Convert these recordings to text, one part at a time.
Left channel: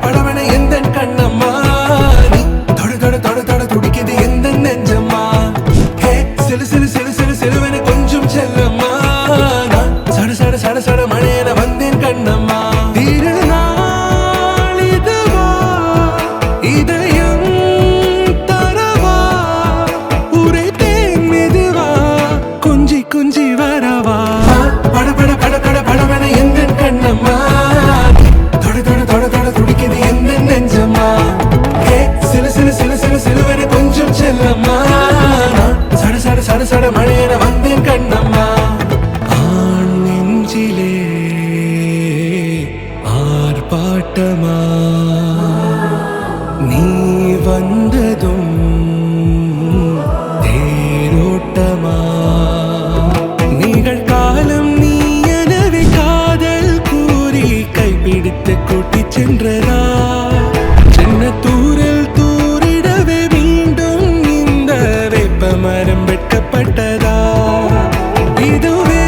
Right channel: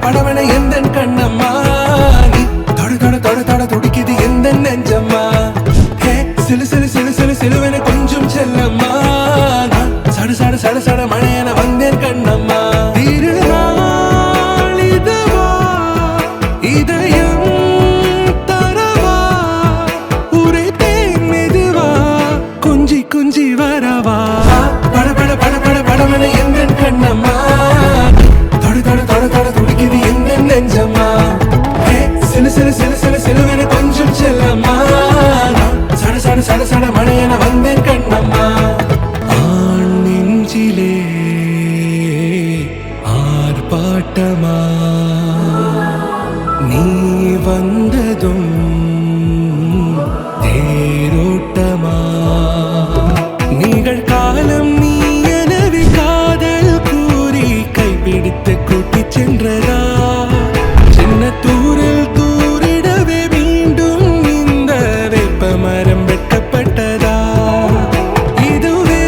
படவன எந்த கண்ணம்மா நீ தொட துடிக்குது எந்த நெஞ்சம்மா ஹே சிலுவென கொஞ்சம் செல்லம்மா நான் சட மழையென வந்தேன் கண்ணம்மா திருநாள் இதுவா இதயம் தரவா உரைத்தேன் மெதுவா கொஞ்சி வரவா படவன எந்த கண்ணம்மா தொட துடிக்குது எந்த நெஞ்சம்மா ஹே சிலுவென கொஞ்சம் செல்லம்மா சட மழையென வந்தேன் கண்ணம்மா ஆண் நெஞ்சிலே ஆர்ப்பாட்டமா நீ வந்ததும் தேரோட்டமா நிகழ்காலம் நீ எனவே காதல் கூறி கைப்பிடித்து கூட்டிச் சென்றதா சின்ன தூரில் தூரிடவே மீண்டும் இந்த வேப்ப மரம் வெட்கப்பட்டதா இதுவே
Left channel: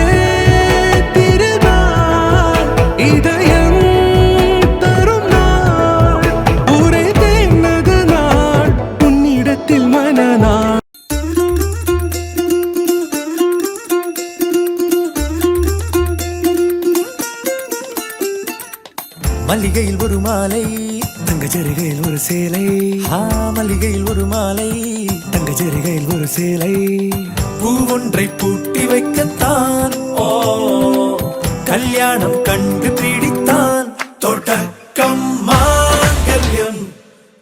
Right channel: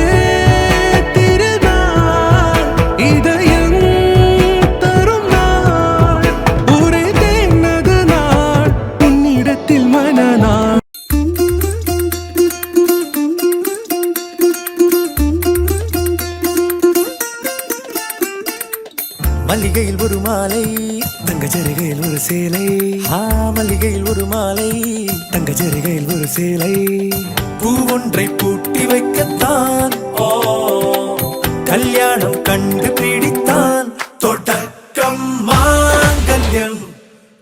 திருநாள் இதயம் தரும் நாள் ஒரே தேனது நாள் உன்னிடத்தில் மனநாள் மல்லிகையில் ஒரு மாலை தங்க ஜரிகையில் ஒரு சேலை மல்லிகையில் ஒரு மாலை தங்க ஜரிகையில் ஒரு சேலை பூ ஒன்றை பூட்டி வைக்கத்தான் கல்யாணம் கண்டு பிடித்தான் தொடக்கம் மாங்கல்யம்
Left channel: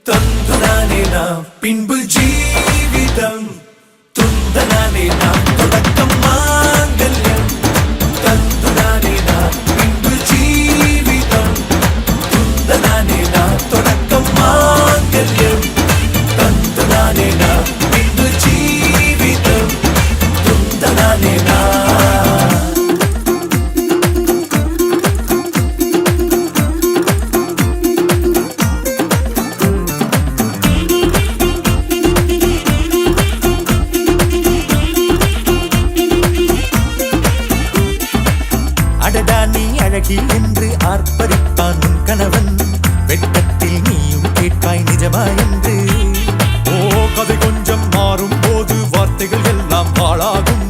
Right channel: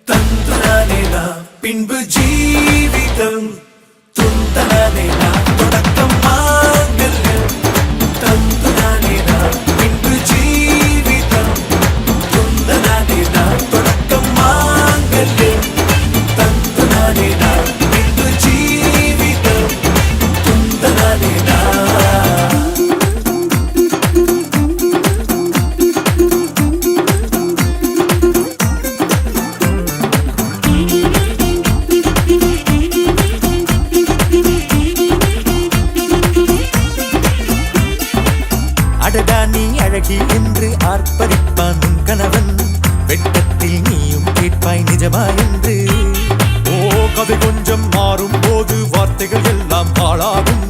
தந்துனானே நாம் பின்பு ஜீவிதம் துந்தனானே நாம் தொடக்கம் மாங்கல்யம் தந்துனானே நாம் பின்பு ஜீவிதம் துந்தனானே நாம் தொடக்கம் மாங்கல்யம் தந்துனானே நாம் பின்பு ஜீவிதம் துந்தனானே நாம் அடடா நீ அழகி என்று ஆர்ப்பரிப்பான் உன் கணவன் வெட்டத்தில் நீயும் கேட்பாய் நிஜமா என்று கதை கொஞ்சம் மாறும் போது வார்த்தைகள் எல்லாம் பாழாகும்